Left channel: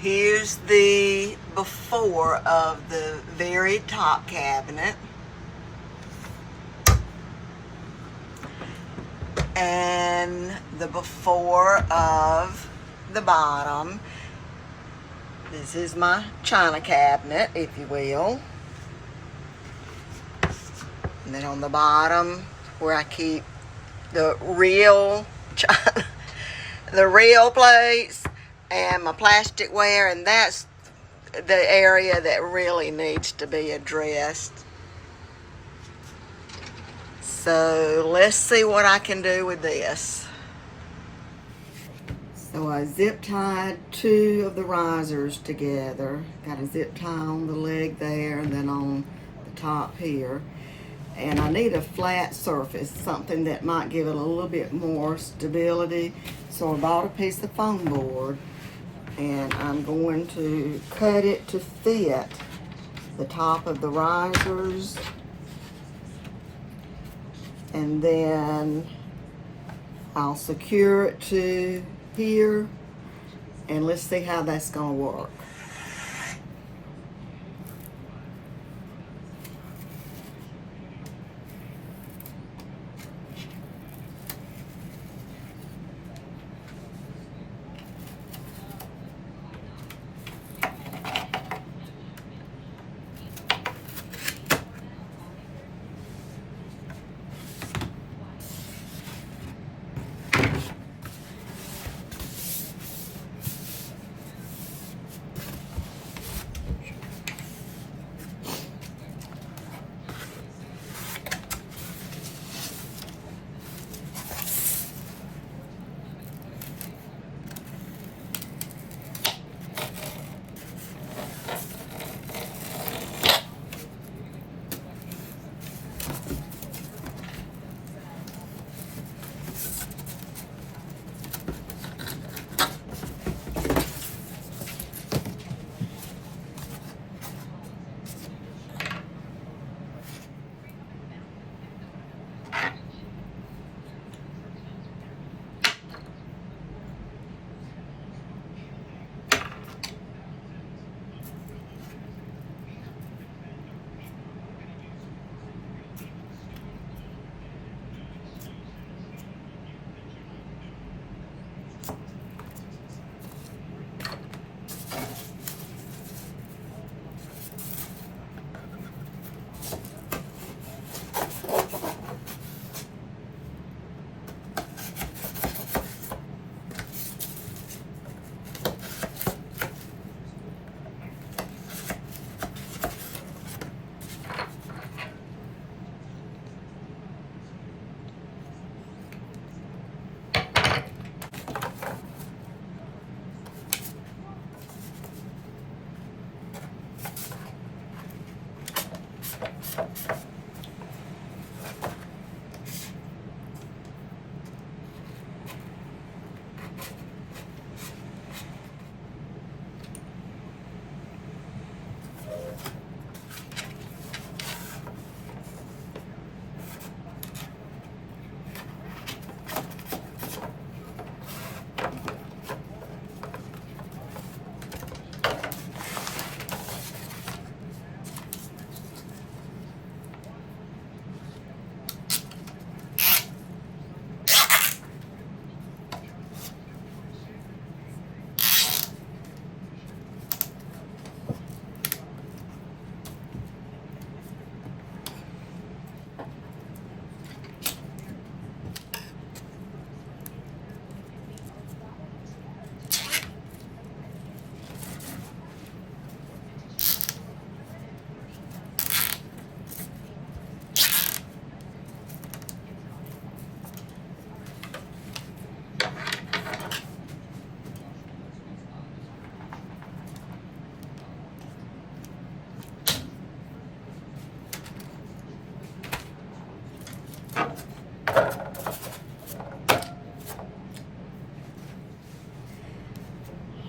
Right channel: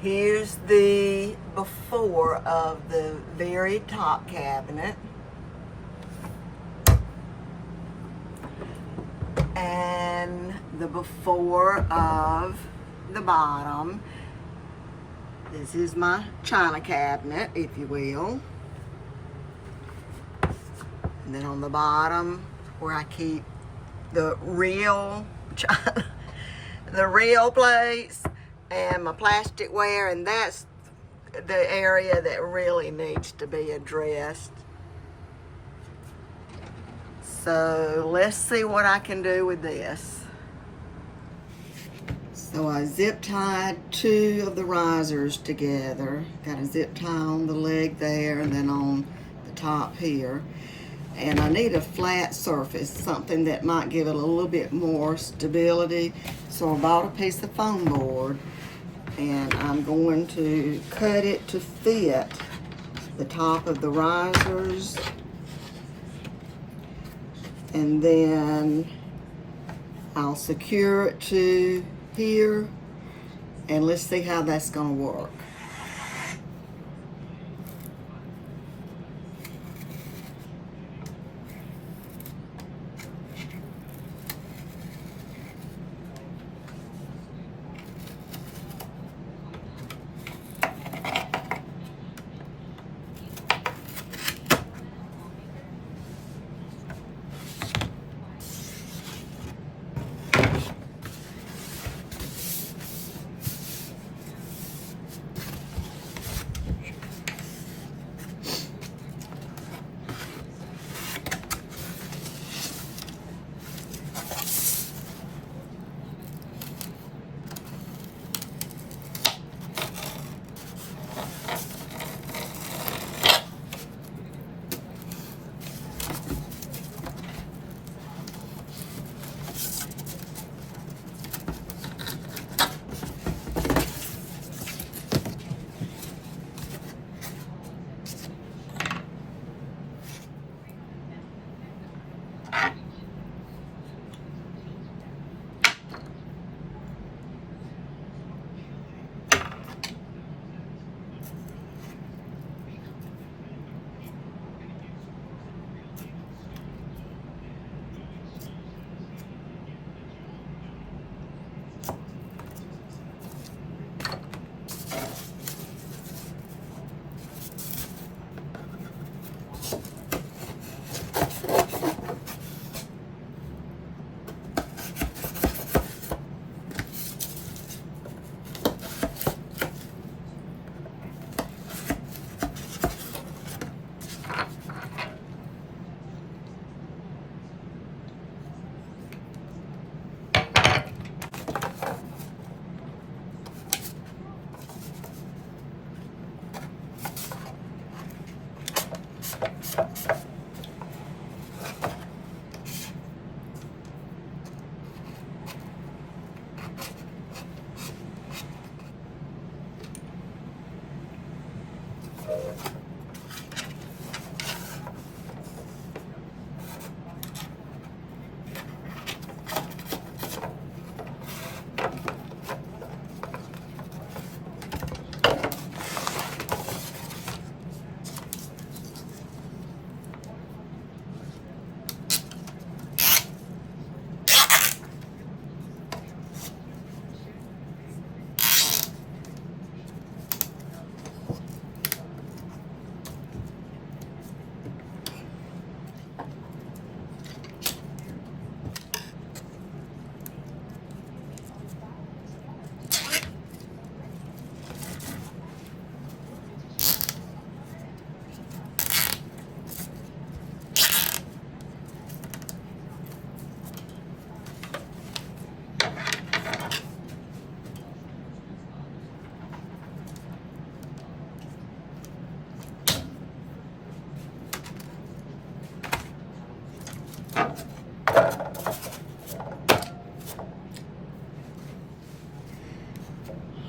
Here's the before of the very top cabinet. And the before of the bottom. This is my china cabinet, if you will. And then on the bottom, where I keep the real china, the real plates and my plasticware, and that's the area that really needs to be addressed. So let's see what I can do with this. So I zip tied 2 of the risers together. Got a zip tie on the leg there and then on the top here. And I need a flat surface, something that might give it a little bit more stability. So I bought a piece of foam board and I'm going to cut it to fit the top of the risers. And then I'll secure it to here, and let's see how that's gonna work.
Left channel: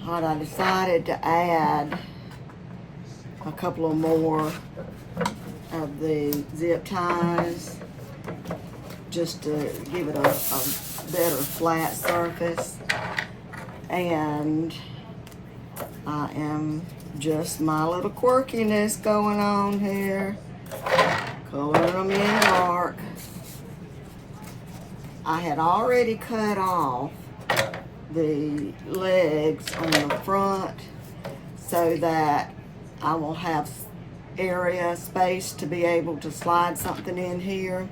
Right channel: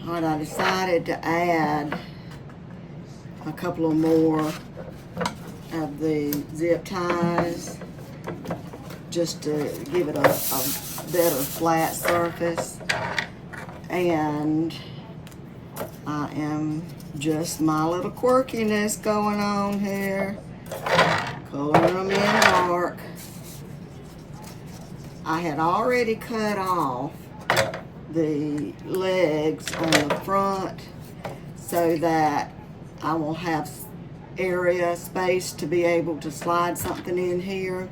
Alright, I decided to add a couple of more of the zip ties just to give it a better flat surface. And I am just my little quirkiness going on here. Coloring them in dark. I had already cut off the legs on the front so that I will have space to be able to slide something in here.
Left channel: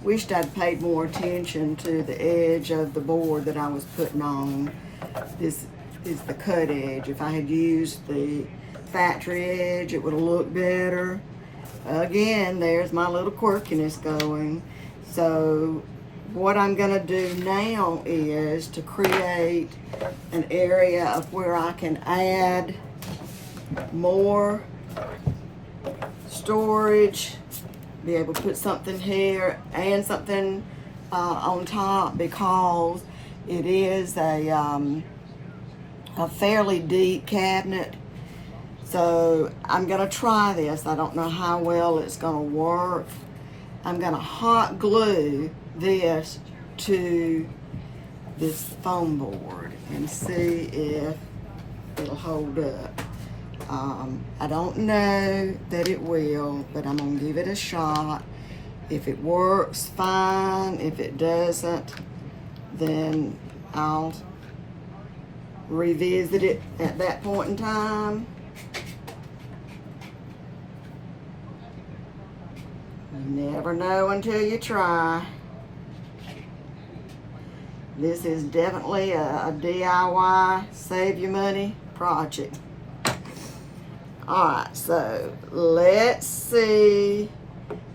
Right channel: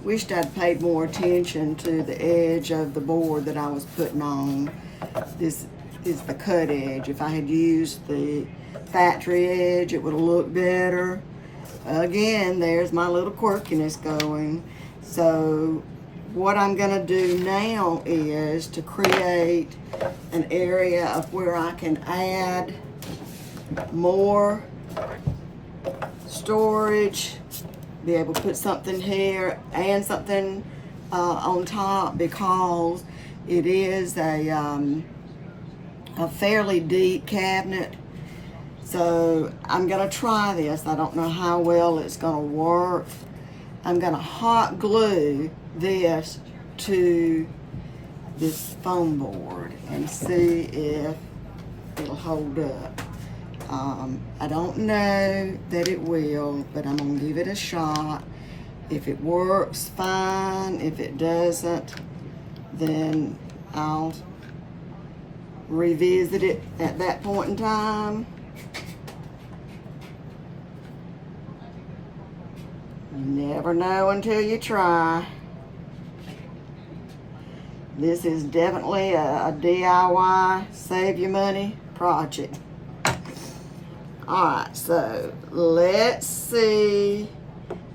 Wished I'd paid more attention to the edge of the board that I was putting on. This is the cut edge. If I had used the factory edge, it would have looked better. Again, there's my little quirkiness going. So what I'm gonna do now is to create an area of where I can add more storage, be able to put something here and something on top, because it is a fairly deep cabinet. So I'm gonna try this. I don't know how well it's gonna work. I'm gonna hot glue this to this foam board and see if it'll hold up. I don't know that it will, but I'm gonna give it a shot. If it works, fine. If it doesn't, then I'll revisit it at that point in time. You never know until you try. This is definitely a DIY, save your money project. Alright, so let's see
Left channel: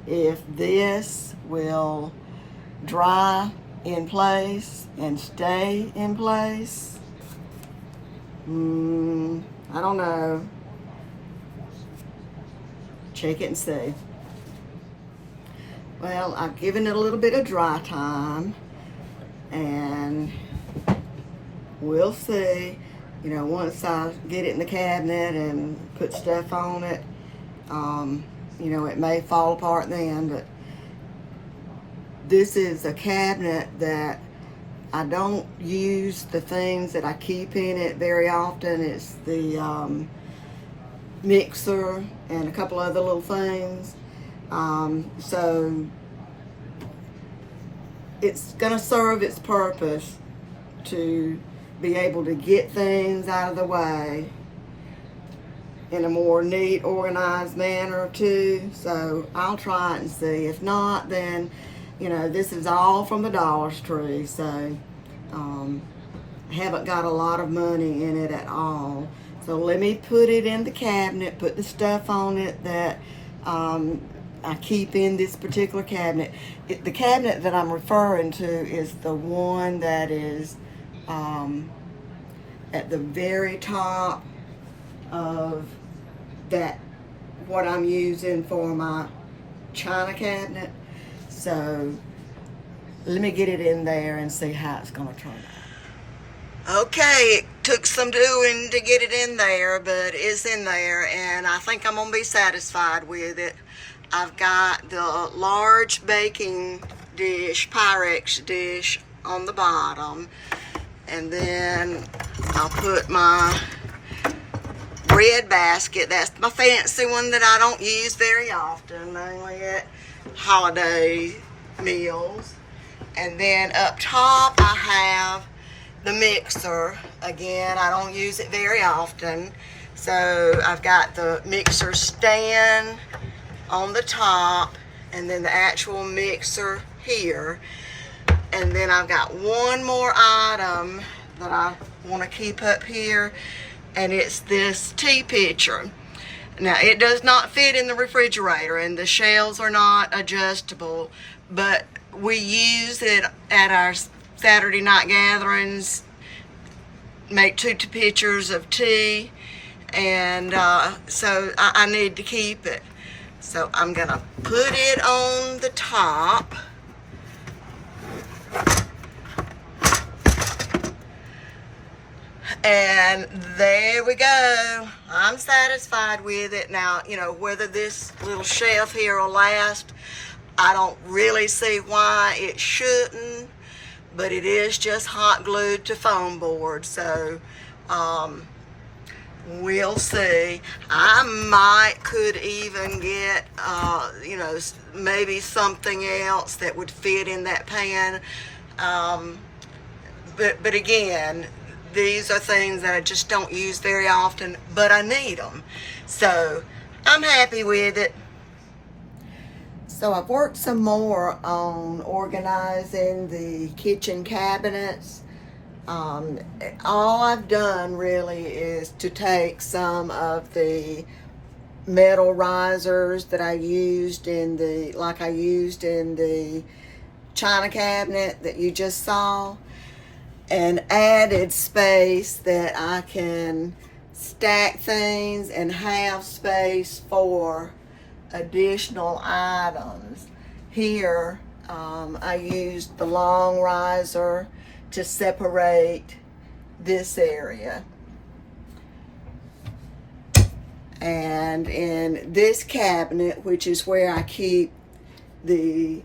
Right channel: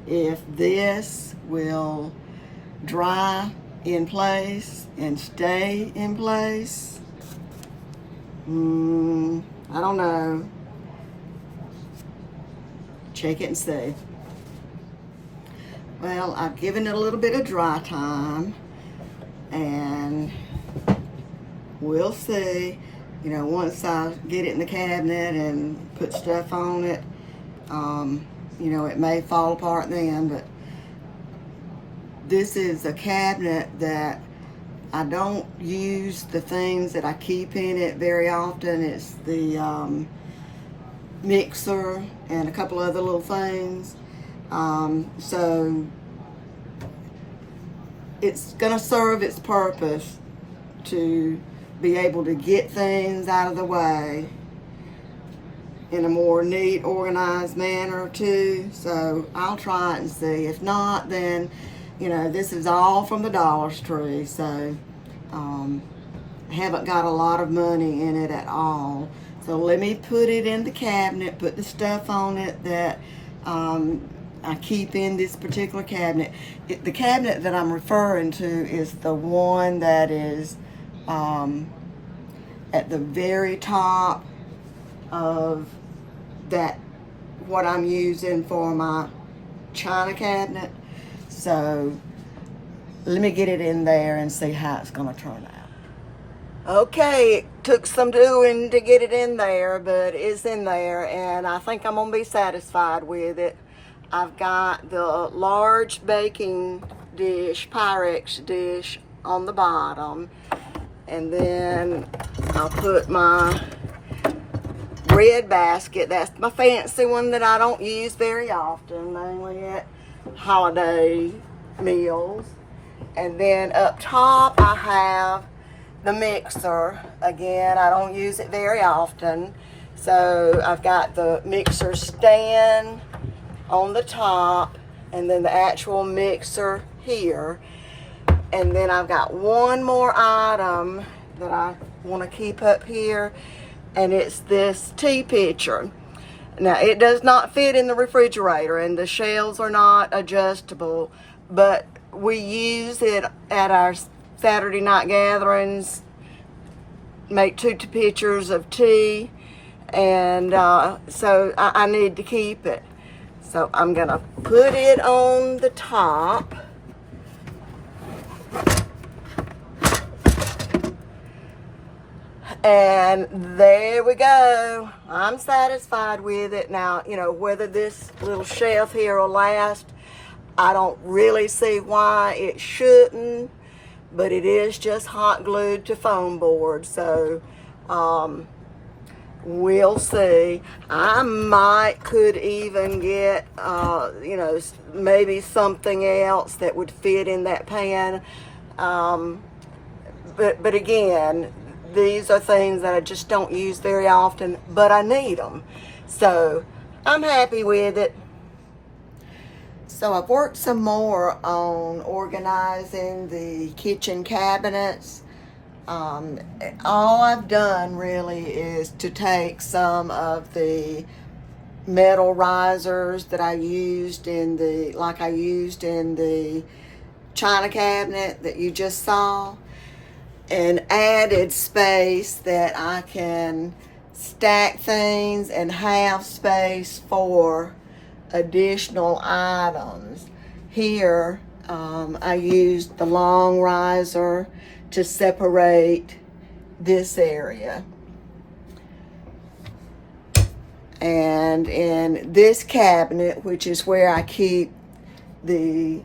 if this will dry in place and stay in place. I don't know. Check it and see. Well, I've given it a little bit of dry time, and we'll see. You know, once I get it in the cabinet and put stuff on it, you know, it may fall apart then, but this is a cabinet that I don't use the things that I keep in it very often. It's the mixer and a couple other little things. So it's gonna serve its purpose to be able to get things out of the way in a more neat, organized manner too. So I'll try it and see. If not, then, you know, this is all from the Dollar Tree, so I haven't got a lot of money in it at all. So let me put it in the cabinet, put the stuff on it that I keep in this particular cabinet. The cabinet that I'm referring to is the one that is at the very top of that, what I'm using for my china cabinet. So let me get it in there and see how it's gonna turn out. Okay, it took some doing to get it in there, but it's in there, and I think I'm gonna be satisfied with it. I've got the large baking dish, Pyrex dish on the bottom, and then I'll put my bread basket. That's my fancy one that I don't use very often, mainly at holiday meals. And then up top I have the mixer. Again, I don't use it very often, so I've got the mixer stand on the top, and then the actual mixer here. And then I've got one more item that I want to keep up here, and it's this tea pitcher. Now, it does not fit in the refrigerator, and the shelves are not adjustable, but we use it at our Saturday night gatherings, make 2 pitchers of tea, and so I need to keep it. So I'm gonna put it on the top. And there we go. I'm satisfied with it. Now, you know, whether this little shelf here will last, I don't really see why it shouldn't, but it is just hot glued to foam board. So We'll see. I could even get, maybe something else that would fit in that pan. But again, these are things that I just don't use very often, but I need them. So I'm happy with it. So I've worked some more on organizing the kitchen cabinets. All I've done really is to take some of the metal risers that I used in the china cabinet that you just saw, and added space that I can stack things and have space for additional items. Here, I used the long riser to separate this area. And in this cabinet, which is where I keep the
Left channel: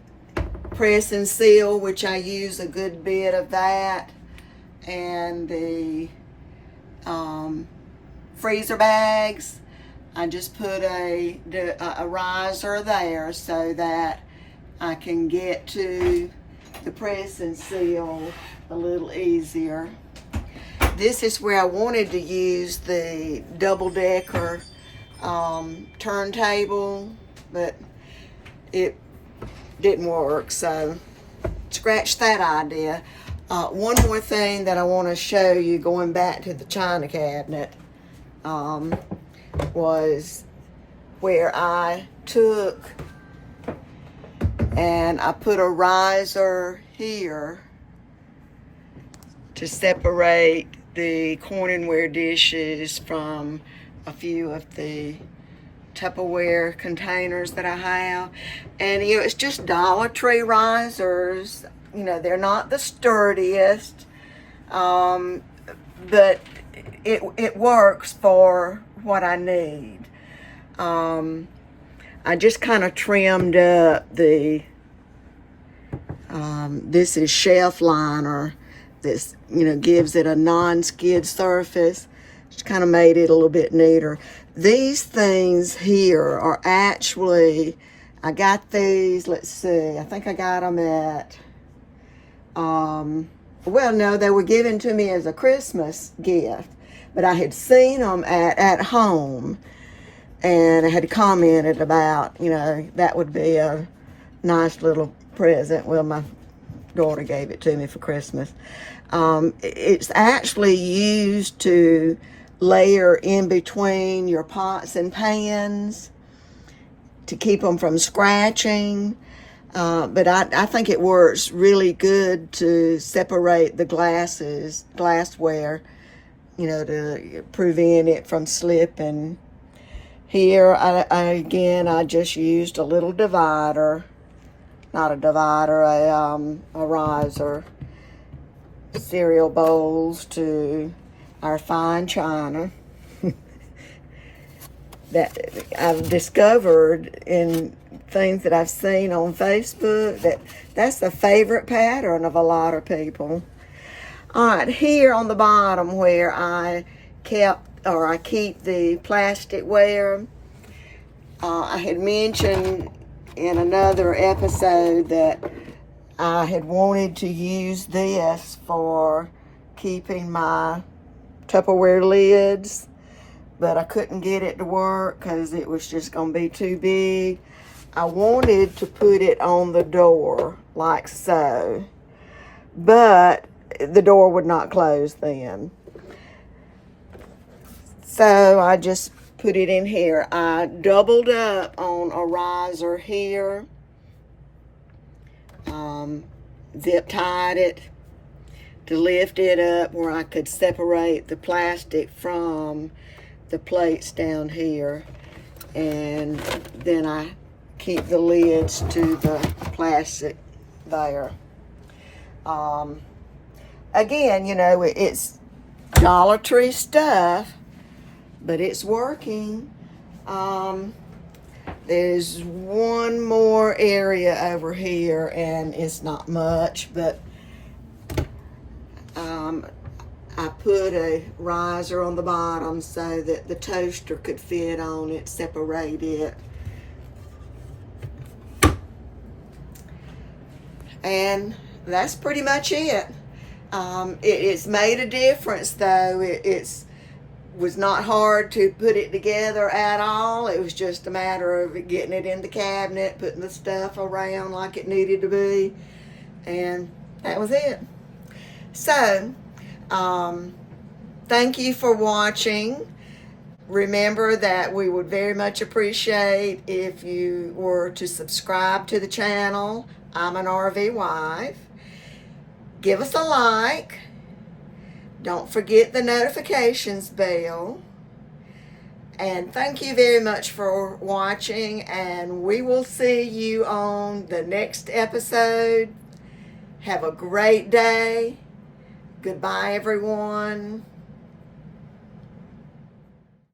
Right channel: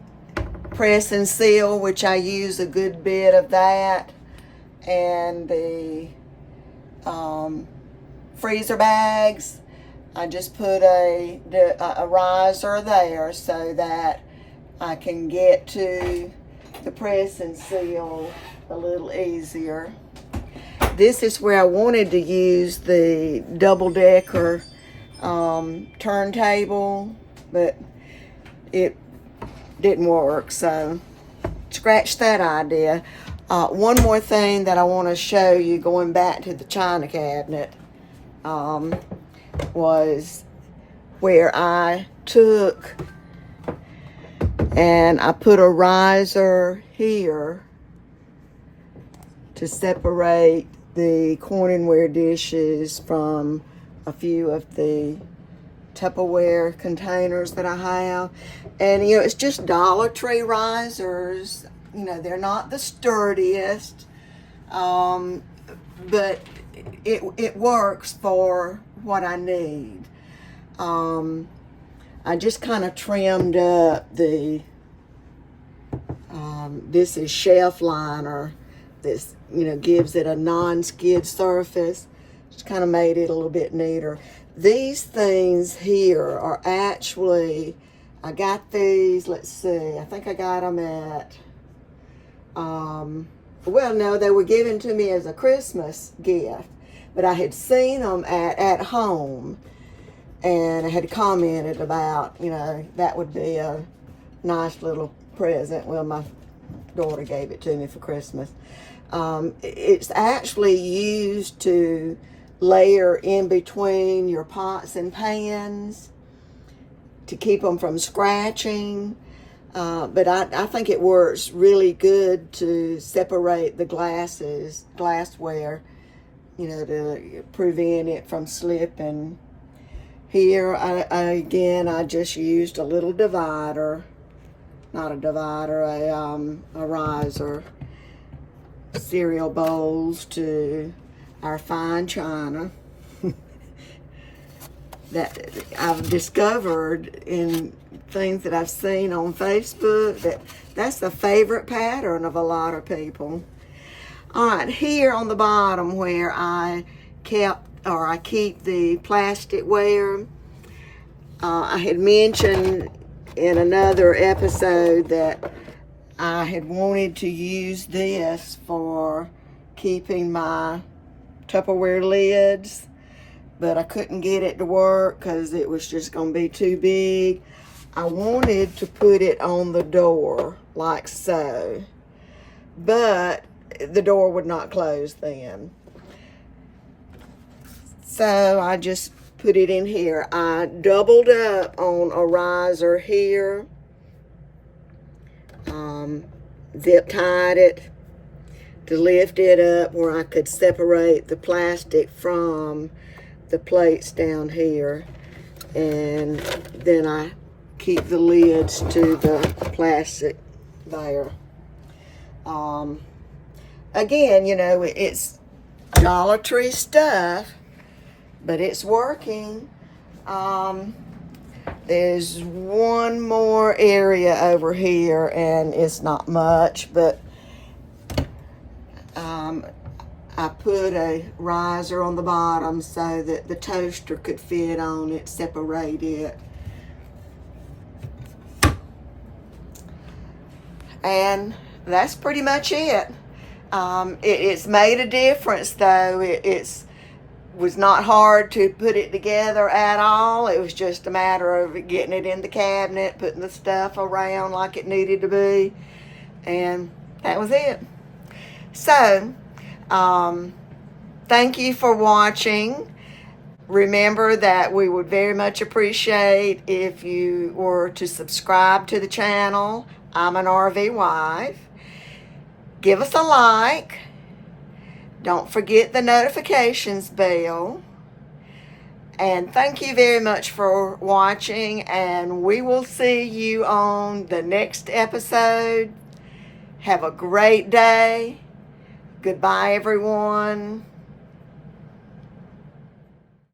press and seal, which I use a good bit of that, and the freezer bags, I just put a riser there so that I can get to the press and seal a little easier. This is where I wanted to use the double-decker turntable, but it didn't work, so scratch that idea. One more thing that I want to show you, going back to the china cabinet, was where I took and I put a riser here to separate the corningware dishes from a few of the Tupperware containers that I have. And it's just Dollar Tree risers. They're not the sturdiest, but it works for what I need. I just kind of trimmed up the this is shelf liner. This gives it a non-skid surface. Just kind of made it a little bit neater. These things here are actually, I got these, let's see, I think I got them at, well, no, they were given to me as a Christmas gift, but I had seen them at home, and I had commented about, that would be a nice little present. Well, my daughter gave it to me for Christmas. It's actually used to layer in between your pots and pans to keep them from scratching. But I think it works really good to separate the glassware, to prevent it from slipping. Here, I just used a little divider, not a divider, a riser, cereal bowls to our fine china that I've discovered in things that I've seen on Facebook that's the favorite pattern of a lot of people. All right, here on the bottom where I keep the plasticware, I had mentioned in another episode that I had wanted to use this for keeping my Tupperware lids, but I couldn't get it to work because it was just going to be too big. I wanted to put it on the door like so, but the door would not close then. So I just put it in here. I doubled up on a riser here, zip tied it to lift it up where I could separate the plastic from the plates down here, and then I keep the lids to the plastic there. Again, it's Dollar Tree stuff, but it's working. There's one more area over here, and it's not much, but I put a riser on the bottom so that the toaster could fit on it, separate it. And that's pretty much it. It's made a difference, though. It's was not hard to put it together at all. It was just a matter of getting it in the cabinet, putting the stuff around like it needed to be, and that was it. So, thank you for watching. Remember that we would very much appreciate if you were to subscribe to the channel. I'm an RV wife. Give us a like. Don't forget the notifications bell. And thank you very much for watching, and we will see you on the next episode. Have a great day. Goodbye, everyone.